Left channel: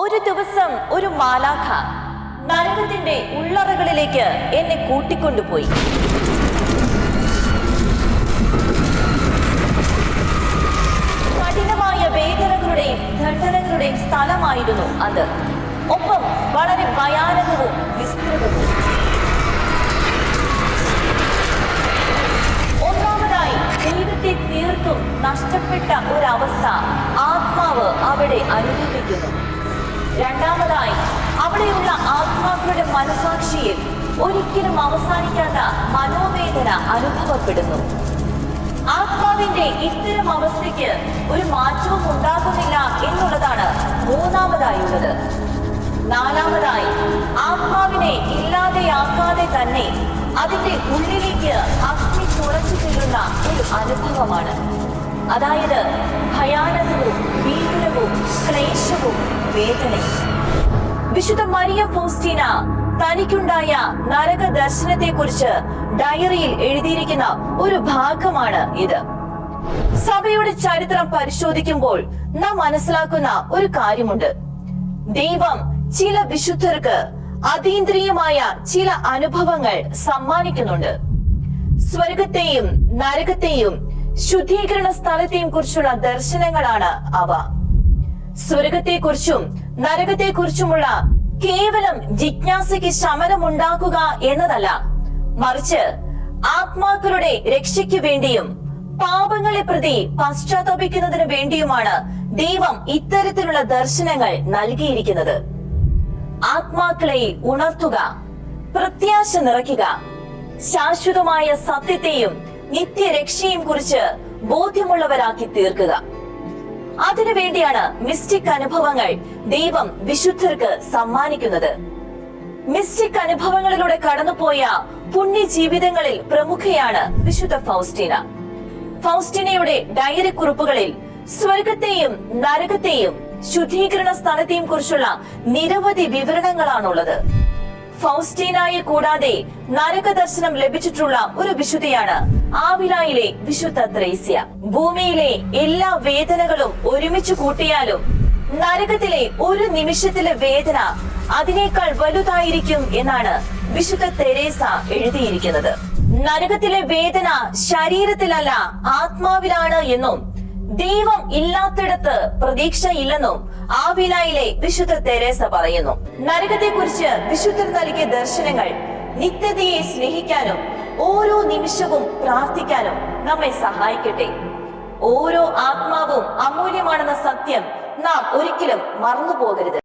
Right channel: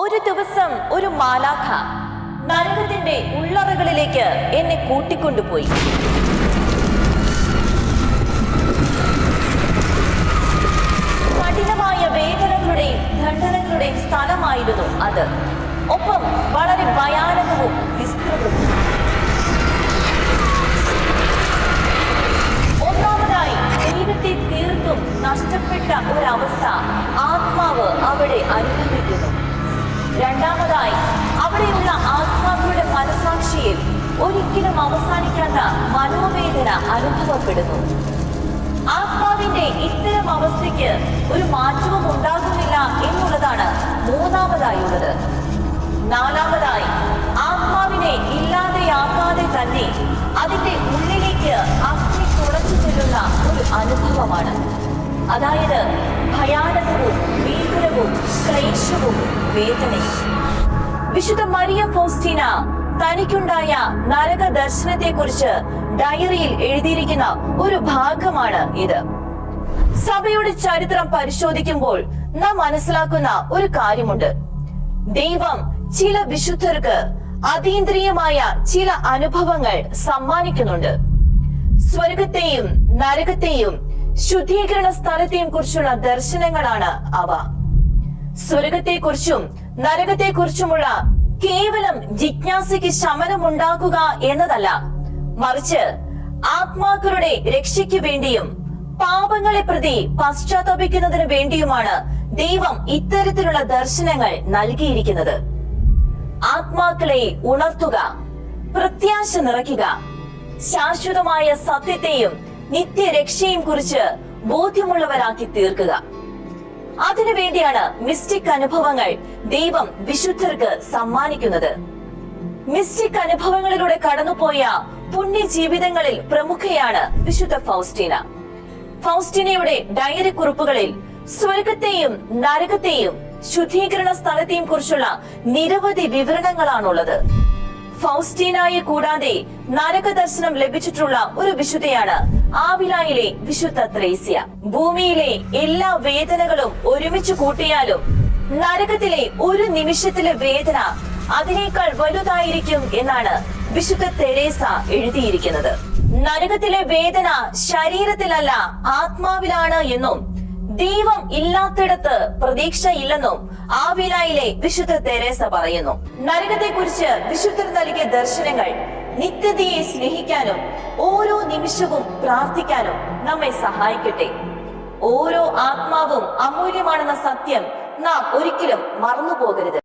ഒരു ദിവസം ഒരു മാലാഖ നരകത്തിന്റെ ഉള്ളറകളിലേക്ക് എന്നെ കൂട്ടിക്കൊണ്ടുപോയി. കഠിനമായ വേദനകളുടെയും ദണ്ഡനങ്ങളുടെയും സ്ഥലമായിരുന്നു അത്. ഒപ്പം വളരെ ഭയാനകവും വിസ്തൃതവും. ഒന്നാമതായി, ദൈവത്തെ തീർത്തും നഷ്ടപ്പെട്ട ഒരവസ്ഥ ആത്മാവ് അവിടെ അനുഭവിക്കുന്നു. രണ്ടാമതായി, അവിടെയുള്ള ആത്മാക്കളുടെ മനസാക്ഷിയിൽ ഒരിക്കലും അവസാനിക്കാത്ത മനോവേദന അനുഭവപ്പെടുന്നു. ആത്മാവിന്റെ ഇത്തരം അവസ്ഥയ്ക്ക് ഒരു മാറ്റവും ഉണ്ടാകുന്നില്ല എന്നുള്ളതാണ് മൂന്നാമതായുള്ളത്. നാലാമതായി, ആത്മാവിനെ ഇല്ലാതെയാക്കാതെ തന്നെ അതിന്റെ ഉള്ളിലേക്ക് അഗ്നി തുളച്ചു ചെല്ലുന്ന ഒരു അനുഭവമാണ്. അതായത് ഭയാനകവും ഭീകരവും ക്ലേശവും വേദനയും. വിശുദ്ധ മരിയ ഫൗസ്റ്റീന തനിക്കുണ്ടായ നരക ദർശനത്തെ കുറിച്ച് ഡയറിയിൽ എഴുതിയിരിക്കുന്ന ഒരു ഭാഗമാണ് ഇത്. സഭയുടെ ചരിത്രം പരിശോധിക്കുമ്പോൾ നാം മനസ്സിലാക്കുന്ന ഒരു കാര്യമുണ്ട്. ദൈവം ചില വിശുദ്ധർക്ക് അതീന്ദ്രിയമായ ചില അനുഭവങ്ങൾ സമ്മാനിക്കുന്നുണ്ട്. സ്വർഗത്തെയും നരകത്തെയും ശുദ്ധീകരണ സ്ഥലത്തെയും കുറിച്ചുള്ള ദർശനങ്ങളാണ് അവ. സ്വർഗത്തെക്കുറിച്ചും നരകത്തെക്കുറിച്ചുമുള്ള കേവലം ജിജ്ഞാസയ്ക്ക് ശമനമുണ്ടാക്കുക എന്നതല്ല, മറിച്ച് ആത്മാക്കളുടെ രക്ഷയ്ക്ക് വേണ്ടിയും പാപങ്ങളെ പ്രതി പശ്ചാത്തപിക്കുന്നതിന് വേണ്ടിയുമാണ് ദൈവം ഇത്തരത്തിലുള്ള ദർശനങ്ങൾ നൽകിയിരിക്കുന്നത്. ആത്മാക്കളെ ഉണർത്തുക, പ്രത്യാശ നിറയ്ക്കുക, ശാശ്വതമായ സത്യത്തെയും നിത്യരക്ഷയും കുറിച്ച് ബോധ്യമുള്ളവരാക്കി തീർക്കുക. അതിനുവേണ്ടിയാണ് മിസ്റ്റിക് അനുഭവങ്ങൾ ദൈവം വിശുദ്ധർക്ക് സമ്മാനിക്കുന്നത്. മിസ്റ്റിക് അനുഭവങ്ങളിലൂടെ കടന്നുപോയ പുണ്യ ജീവിതങ്ങളിൽ പ്രമുഖയാണ് വിശുദ്ധ ഫൗസ്റ്റീന. ഫൗസ്റ്റീനയുടെ ഡയറി കുറിപ്പുകളിൽ സ്വർഗത്തെയും നരകത്തെയും ശുദ്ധീകരണ സ്ഥലത്തെയും കുറിച്ചുള്ള നിരവധി വിവരണങ്ങളാണുള്ളത്. ഫൗസ്റ്റീനയെ കൂടാതെ നരക ദർശനം ലഭിച്ചിട്ടുള്ള ഒരു വിശുദ്ധയാണ് ആവിലായിലെ വിശുദ്ധ ത്രേസ്യ. ഭൂമിയിലെ എല്ലാ വേദനകളും ഒരുമിച്ച് കൂട്ടിയാലും നരകത്തിലെ ഒരു നിമിഷത്തിലെ വേദന അതിനേക്കാൾ വലുതായിരിക്കും എന്നാണ് വിശുദ്ധ തെരേസ എഴുതിയിരിക്കുന്നത്. നരകത്തിലെ വേദന ശരീരത്തിലല്ല ആത്മാവിലാണ് എന്നും ദൈവം ഇല്ലാത്തിടത്ത് പ്രതീക്ഷ ഇല്ലെന്നും ആവിലായിലെ വിശുദ്ധ തെരേസ പറയുന്നു. നരകത്തെക്കുറിച്ച് വിശുദ്ധർ നൽകിയ ദർശനങ്ങൾ നിത്യതയെ സ്നേഹിക്കാനും ഓരോ നിമിഷവും പ്രാർത്ഥിക്കാനും നമ്മെ സഹായിക്കട്ടെ. ഓരോ ആത്മാവും അമൂല്യമാണെന്ന സത്യം നാം ഒരിക്കലും മറന്നു പോകരുത്.